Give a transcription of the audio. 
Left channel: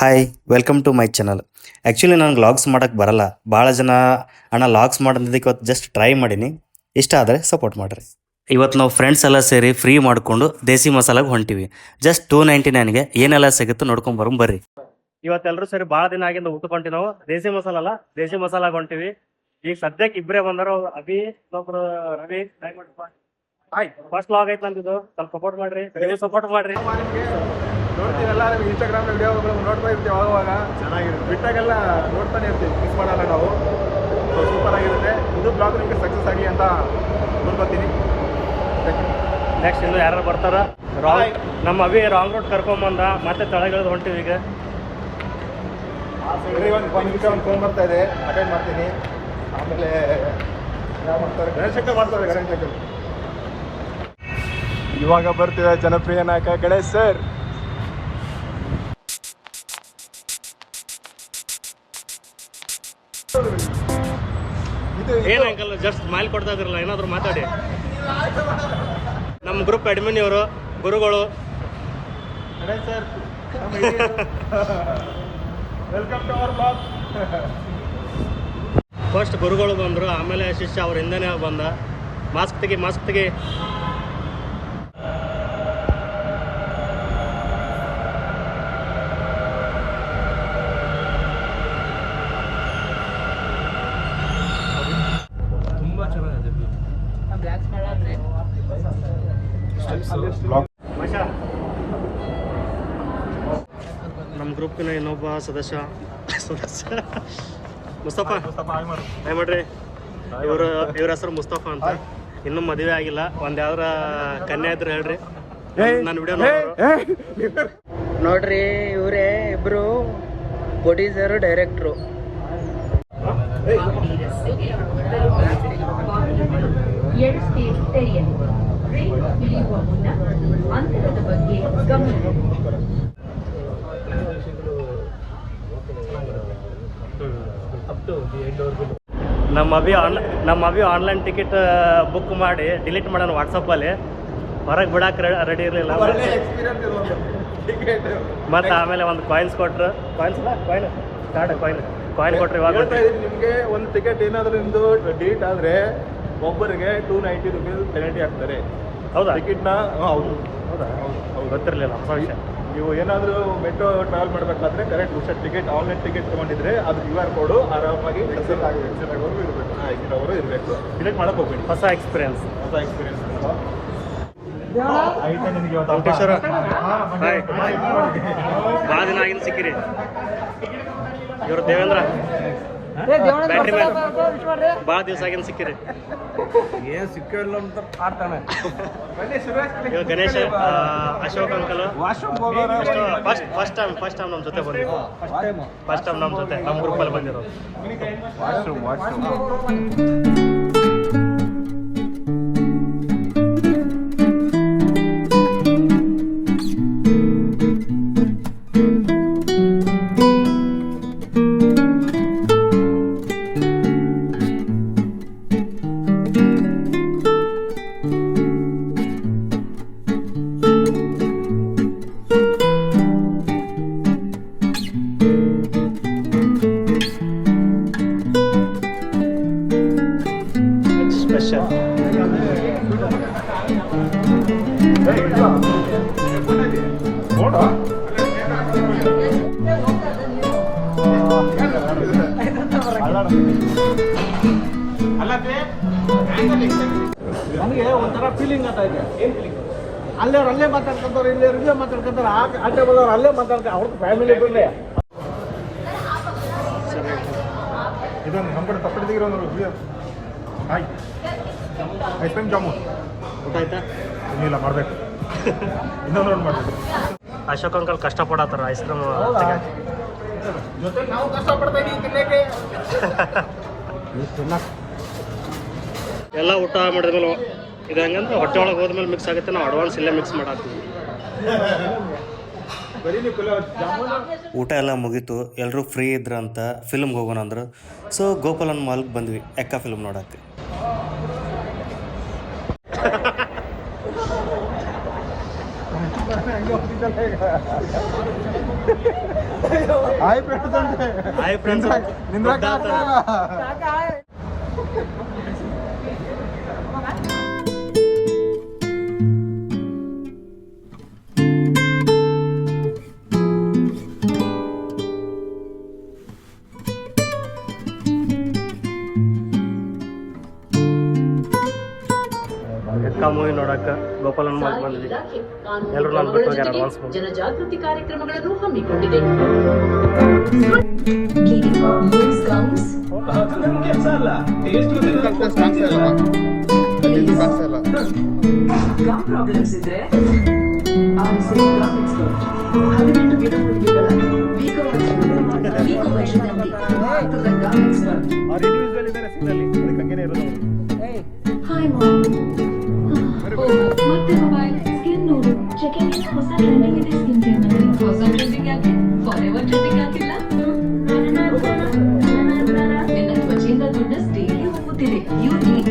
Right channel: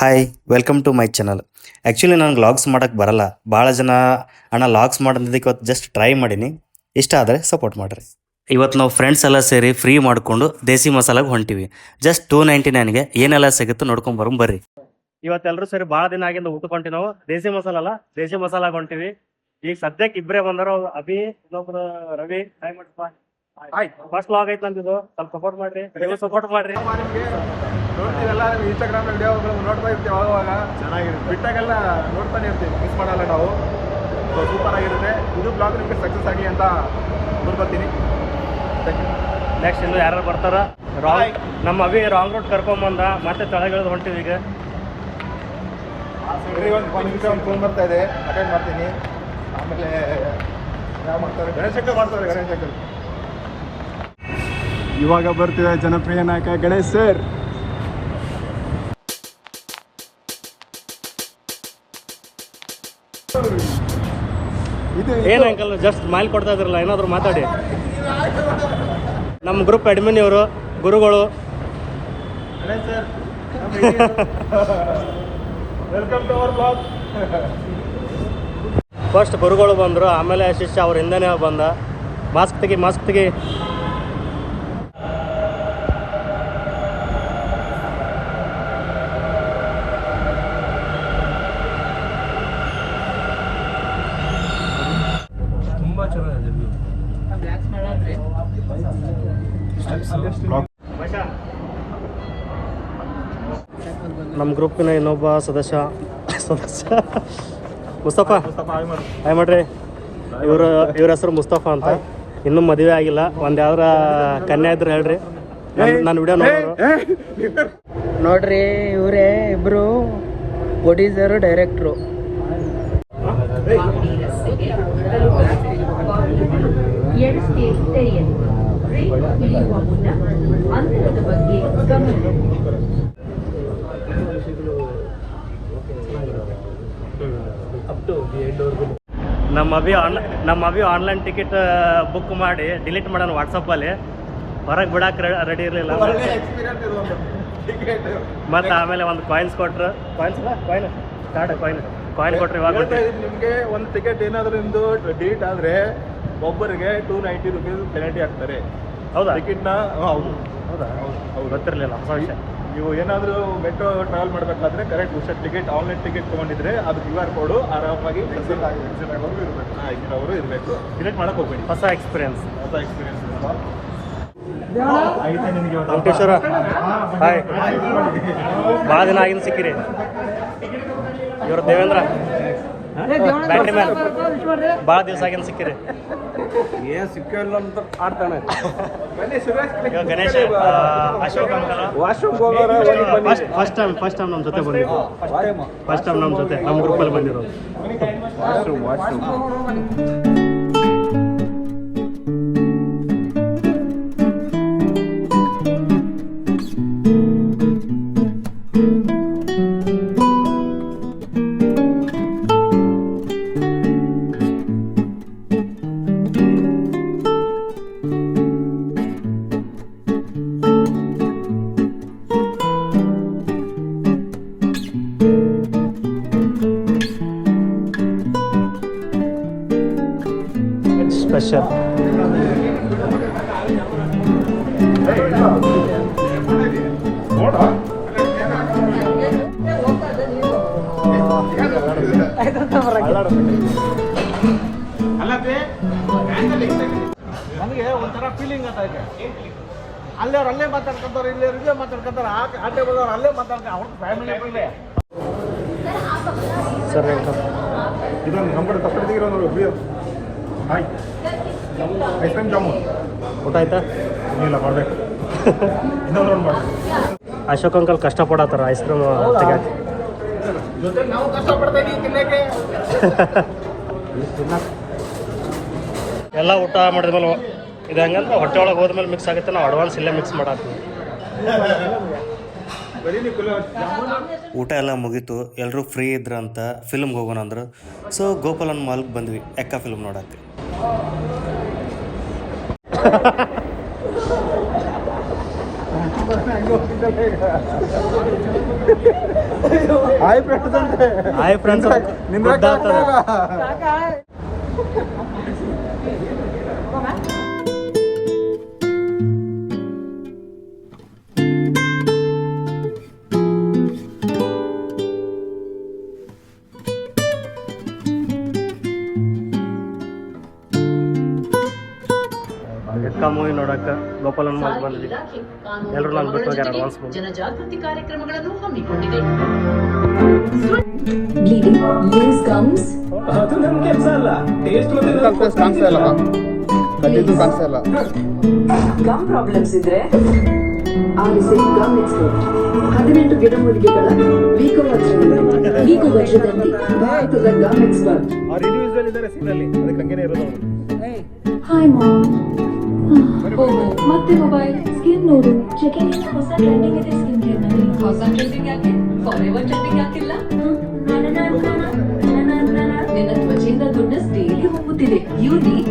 Hi welcome to my channel. Actually ನನಗೆ vlogs ಮಾಡೋಕ್ಕೆ ಬರಲ್ಲ. ಭಾಳ ಜನ ಅಣ್ಣ ಲಾಗ್ಸ್ ಮಾಡೋದಕ್ಕೆ ಇವತ್ತು ಜಸ್ಟ್ ಟ್ರೈ ಮಾಡೀನಿ. ಇಷ್ಟ ಆದರೆ ಸಪೋರ್ಟ್ ಮಾಡಿರಿ. ಇವತ್ತು ನಾವು ಫ್ರೆಂಡ್ಸ್ ಎಲ್ಲ ಸೇರಿ ಫ್ರೀ ಮಾಡಿಕೊಂಡು ದೇಸಿ ಮಸಾಲಾಗೆ ಹೊಂಟಿವಿ. ಜಸ್ಟ್ 299ಗೆ ಏನೆಲ್ಲ ಸಿಗುತ್ತೆ ನೋಡ್ಕೊಂಡು ಬರೋಣ ಬರ್ರಿ. ಇವತ್ತೆಲ್ಲರೂ ಸೇರಿ ಭಾಳ ದಿನ ಆಗಿಂದ ಊಟಕೊಂಡಿ ನಾವು ದೇಸಿ ಮಸಾಲ ಅಲ್ಲ, ದೇಸಿ ಮಸಾಲಾಗೆ ಹೊಂಟಿವಿ. ಈಗ ಸದ್ಯಕ್ಕೆ ಇಬ್ಬರೇ ಬಂದಾರ, ಅಭಿ ಇನ್ನೊಬ್ರು ರವಿ. ಟ್ರೈ ಮಾಡಪ್ಪ. ಫಸ್ಟ್ ಲಾಗ್ ಐತೆ ನಂದಿದು, ಸ್ವಲ್ಪ ಸಪೋರ್ಟ್ ಮಾಡ್ರಿ, ನೀವು ಸಪೋರ್ಟ್ ಮಾಡ್ರಿ. ನೋಡ್ತೀವಲ್ಲ ಇನ್ಸ್ಟಾಗ್ರಾಮ್ ವಿಡಿಯೋಗಳು ನೋಡ್ತಾ ಇರ್ತೀವಿ, ಅವಾಗ ಚೆನ್ನಾಗಿರುತ್ತೆ. ಬಿಟ್ಟಾಗೆಲ್ಲ ನೋಡ್ತಾನೆ ಇರ್ತೀವಿ, ಮಿಸ್ ಮಾಡಲ್ಲ ನಾವು. ಸೂಪರ್ ಆಗಿರುತ್ತೆ. ಇದು ಬ್ಲಾಗ್ ನಿಮಗೆ ಸಕ್ಸಸ್ ಆಗಿ ಅಂತ ನೋಡ್ಕೊತೀನಿ. ನೆಕ್ಸ್ಟ್ ಇನ್ನು ಯಾರು ಬರ್ತಾರ? ರಾಂಗ್ ನಮ್ಮ ಅಭಿ ರಾಂಗ್ ರೂಟ್ ಕರ್ಕೊಂಬಂದ, ಮತ್ತೆ ತಳಗಿಳಿದು ಹೊಂಟಿವಿ. ಈಗ ಒಂದು ನಿಮಿಷ ಒಂದು ಫೋನ್ ಬರ್ತಾ ಇದೆ, ಅಟೆಂಡ್ ಮಾಡ್ತೀನಿ. ಆಮೇಲೆ ಯಾವ ಮಾಡ್ತಾರೆ? ಗಣೇಶ್ ಶಂಕರ್ ಮಾಡ್ತಾರೆ. ಗಣೇಶ್ ಶಂಕರ್ ಇವಾಗ ಬರ್ತೀವಿ. ಜನಪ್ರಿಯ ನಾಯಕ ಗಣೇಶ್ ಸರ್. ಏನು ಅಂಕಲ್ ಜಸ್ಟ್ ಸ್ಮೈಲ್ ಕೊಡ್ತಾ ಇದ್ರಲ್ಲ, ಏನಾದ್ರು ಮಾತಾಡಿ. ನಮ್ಮ ಗ್ರೂಪ್ ಅಡ್ಮಿನ್ ಇವರು, ಗುರುಗಳು. ಫಸ್ಟ್ ಗುರುಗಳು ಬಂದರು, ಆಮೇಲೆ ಶಿಷ್ಯ ಅವ್ರ ಹಿಂದೆನೇ ಬಂದ. ಮಾಸ್ಕ್ ತೆಗಿ, ಮಾಸ್ಕ್ ತೆಗಿ. ನಮ್ಮ ಗ್ರೂಪಿನ ಇನ್ನೊಬ್ಬ ಸದಸ್ಯ ಮುಸ್ತಫಾ. ಹಾಯ್ ಮಾಡ್ರಿ. ಇವ್ರ ಹೆಸರು ಮುಸ್ತಫಾ ಅಂತ. ಇನ್ನೂ ಮದುವೆ ಆಗಿಲ್ಲ. ಒಂದು ಯಾವ್ದಾರ ಕನ್ಯಾ ಇದ್ರೆ ಹೇಳ್ರಿ, ನಾನು ವಿಡಿಯೋ ನೋಡ್ರಿ. ಇವರೇ ಇಬ್ರು ಪ್ರೊಡ್ಯೂಸರು, ಡೈರೆಕ್ಟ್ರು. ನಮ್ಮ ಅಭಿ ಆನ್ಲೈನ್ ಟಿಕೆಟ್ ಬುಕ್ ಮಾಡಿ ಡಿಲೀಟ್ ಮಾಡೋಣ ವಾಟ್ಸಪ್ಪಲ್ಲಿ. ಹೊರಗೆ ಬಿಡಕ್ಕೆ ರೆಡಿ ಇರಲಿಲ್ಲ. ಮತ್ತು ಆಮೇಲೆ ಒಂದು ಕಾಯಿನ್ಸ್ ಕೊಟ್ರು. ಕಾಯಿನ್ ಕೊಟ್ರು. ಇವಾಗ ನಿಮಗೆ ಒಂದು ಟಿಕೆಟ್ ಏನಾದರೂ ನಿಮ್ಮದು ಡಿಲೀಟ್ ಆದರೆ ಒಬ್ಬರಿಗೆ 290 ರುಪೀಸ್ ಪೆನಾಲ್ಟಿ ಹಾಕ್ತಾರೆ. ಹೌದಾ? ಟಿಕೆಟ್ನ ಹೌದು. ಹೌದಾ? ಹೌದು, ಗೊತ್ತಿರಲಿಲ್ಲ, ಹೊಸ ವಿಷಯ. ನೀವು ಏನಾದರೂ ಮೆಟ್ರೋ ಟ್ರಾವೆಲ್ ಮಾಡಬೇಕಾದ್ರೆ ಕರೆಕ್ಟ್ ಹುಷಾರ್ ಟಿಕೆಟ್, ಆನ್ಲೈನ್ ಟಿಕೆಟ್ ತೊಗೊಂಡಿದ್ರೆ ಅದು QR ಕೋಡು ಆರಾಮಾಗಿ ಎಕ್ಸಿಟ್ ಆಗೋರು ಇರಬೇಕು. ಡಿಲೀಟ್ ಮಾಡೋಕೆ ಹೋಗ್ಬೇಡಿ. ಹೊಸ ಎಕ್ಸ್ಪೀರಿಯನ್ಸ್. ವೆಂಕಟೇಶ್ವರ ಹಾಯ್. ಭಾಳ ದಿನ ಆಗಿನ ಸಿಕ್ಕಿರಿ. ಇವರು ದೇವೇಂದ್ರ ಬ್ಯಾಟ್ರಿ ಮ್ಯಾನ್. ಭಾಳ ದಿವಸ ಆಗಿನ ಸಿಕ್ಕಿರಿ. ಏನು ಸಿಕ್ಕಿಲ್ಲ ಅಂತ ಮಾಡ್ತಾನೆ. ಇವಾಗ Ganesha, Ashok uncle first time ನಮ್ಮ ಜೊತೆ ಬಂದಿದ್ದು. ಫಸ್ಟ್ ಟೈಮ್ ನಮ್ಮ ಜೊತೆ ನಮ್ಮ ಗ್ರೂಪಲ್ಲಿ ಬಂದಿರೋದು. ಸ್ಪೆಷಲ್. ನನಗೆ ಒಂಥರ ಫೀಲಿಂಗ್ ಆಗ್ತಾ ಇದೆ. ಅಲ್ಲೇ ಮಾತಾಡ್ಕೊಂತಾರೆ, ಇಲ್ಲೇ ಮಾತಾಡ್ಕೊಂತಾರೆ, ಅಲ್ಲೇ ಬಂದವ್ರು ಅಲ್ಲೇ ಮಾತಾಡ್ತಾರೆ. ಅವ್ರ ಫ್ಯಾಮಿಲಿ ಬಿಡಲಿ. ಸರ್ ಅಂಕಲ್ ಇದೊಂದು ನಂಬರ್ ಪಕ್ಕದಿರೋ ನೋಡಿ. ಹಾಯ್, ಐಸ್ ಕ್ರೀಮ್ ಜಾಮೂನ್ ಊಟ ಆಯ್ತಾ? ಇನ್ನಿಲ್ಲ, ಮಾಡಬೇಕು. ಇನ್ನೊಂದು ಮಾಡಬೇಕು. ಅಶೋಕ್ ಅಂಕಲ್ ಕಷ್ಟಪಡತ್ತಾರ ಐಸ್ ಕ್ರೀಮ್ ತೆಗಿಯಕ್ಕೆ. ನಾವು ಕಷ್ಟಪಡ್ತಾ ಇದ್ದೀವಿ ತಿನ್ನಕ್ಕೆ. ಎಲ್ಲ ಊಟ ಮಾಡಿದ್ಮೇಲೆ ಇದು ಹಂಗಂದ್ರೆ ಹೊಟ್ಟೆ ಒಳಗೆ ಹೋದ್ಮೇಲೆ ಮಿಕ್ಸ್ ಆಗುತ್ತೆ. ನಾವು ಅಡ್ವಾನ್ಸ್ ಇಲ್ಲೇ ಮಿಕ್ಸ್ ಮಾಡಾಕ್ತೀವಿ. ಊಟ ಎಲ್ಲ ಮುಗೀತು. ಎಲ್ಲರೂ ಫ್ರೀ ಇದ್ರು ಅಂತ ಫಿಲ್ಮ್ಗೆ ಹೋಗೋಣ ಅಂದರು. ಸೊ ಗೋಪಾಲನ್ ಮಾಲ್ಗೆ ಬಂದ್ವಿ ಎಕ್ಕ ಫಿಲ್ಮ್ ನೋಡೋಕ್ಕೆ. Hi friends. ಎಕ್ಕ ಮೂವಿ ನೋಡಕ್ಕೆ ಗೋಪಾಲನ್ ಮಾಲ್ ಬಂದ್ವಿ. ಎಲ್ಲರೂ ನಾನು ಬಿಟ್ಟು ಹೋಗ್ಯಾರ ಅಡ್ವಾನ್ಸ್ ಬಂದು. ಜನಜಾಗೃತಿ ಕಾರ್ಯಕ್ರಮಗಳನ್ನು ಹಮ್ಮಿಕೊಂಡಿದೆ. ನ್ಯೂಸ್ ಕಮ್ಸ್ ಗಮ್ ಪ್ರಾಬ್ಲಮ್ಸ್ ಇದ್ರೆ ಆರಿಸಿ ಗಮ್ ಎಕ್ಸ್ಪರ್ಟ್ 18 ಗಿಡಮೂಲಿಕೆಗಳ ವಜ್ರದಂತಿ ಭಾರತದ ಗಮ್ ಎಕ್ಸ್ಪರ್ಟ್. Hi ma'am. ಮತ್ತೆ ಮೊಬೈಲ್ ಸ್ಕಿನ್ ನೋಡು. ಚೆಕಿಂಗ್ ಹೊಸ ಟ್ರೆಂಡಿಂಗ್ ಇದೆ ಸ್ಕಿನ್ ಕೇರ್ ನಲ್ಲಿ. ಹೊಸ ಟ್ರೆಂಡಿಂಗ್ ಯಾಕೆ? ಫಾರೆವರ್ ಟ್ರೆಂಡಿಂಗ್ ಹಾಕಿಲ್ಲ. ನಿನ್ನ ತ್ವಚೆಯಿಂದ ದುಡ್ಡು ಡೈಲಿ ಹೋಗುತ್ತಿದೆ. You need